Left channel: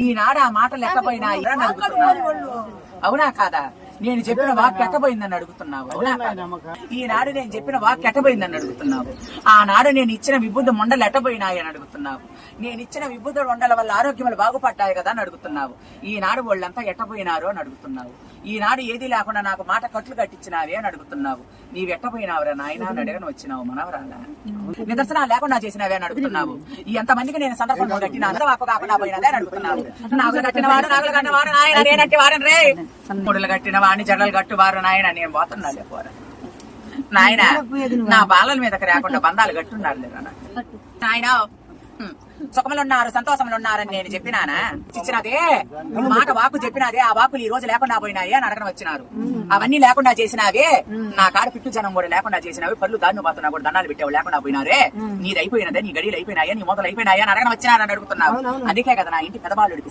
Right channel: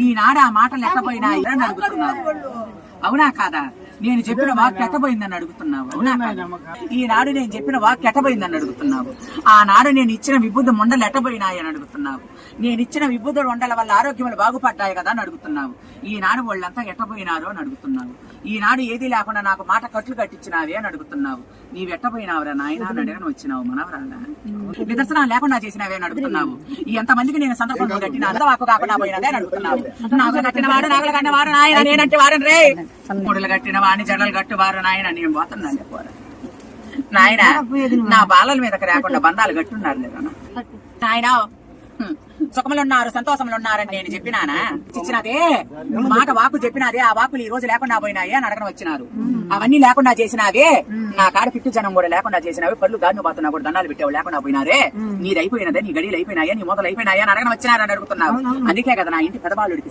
ఈనాడు ఆ మాటలు ఎట్టపోయినాయి అని అడుగుతున్నావు. అవునా కాదా? నేను చెప్పిన వాక్ ఎట్టపోయిందని అడుగుతున్నావు. అవునా కాదా? ఈనాడు నేను చెప్పిన వాక్ ఎట్టపోయిందని అడుగుతున్నావు. ఆనాడు నేను ఇచ్చిన విభూత మండలు ఎట్టపోయినాయి అని అడుగుతున్నావు. నేను ఇచ్చిన విభూత మండల వల్ల ఆరోగ్యములు బాగుపడ్డాయి కదా అని అడుగుతున్నావు. ఈనాడు వాళ్ళంతా ఎట్టపోయినారు అని అడుగుతున్నావు. ఈనాడు ఏది లేకుండా నాకు మాట కట్లు కట్టించినావే అని అడుగుతున్నావు. నీవు ఎట్టపోయినావురా నాయన అని అడగని వచ్చినావు మనవరాలా. నిదర్శనాలు లేకుండా చేసినావే అని అడుగుతున్నావు. ఎంతమందికి నేను సందర్భంగా కట్టిన అంత వాకు కాకుండా పోయినదే అని అడుగుతున్నావు. నాగులు కట్టిన వాడు నాగులు కట్టిన వారు నాయన నేనంటే వారని రే. ముడులు కట్టిన వాడిని జడలు కట్టువారు నాయన నేను పోతున్నాను లేకపోరు నాయన. నా బాలల మీదకి రాకుండా బంధాలు కట్టున్నారు లేదా నాయన. సుఖములు ఉన్నారు సంతోషములు ఉన్నారని నేను చెప్పినానా? ఇచ్చినదే మాట వాకు చెప్పినదే. ఆ వాకులు ఈ రోజు లేకుండా పోయినాయి అని అడగడం వచ్చినారు. అవన్నీ లేకుండా చేసినావే. నా కాడ పిట్టు జనం కూడా లేకుండా చేసినావి. పళ్ళు దాన్ని పోతున్నా కూడా దండాలు పెట్టావు లేకుండా పోయినారే. నీది అయిపోయినదే, నీ గడియలు అయిపోయినాయా, నీ మొదలు అయిపోయినాయా అని అడగడం వచ్చినారని అడుగుతున్నావు. అందుకే కదా నా ఇంటి పెదబాలుడికి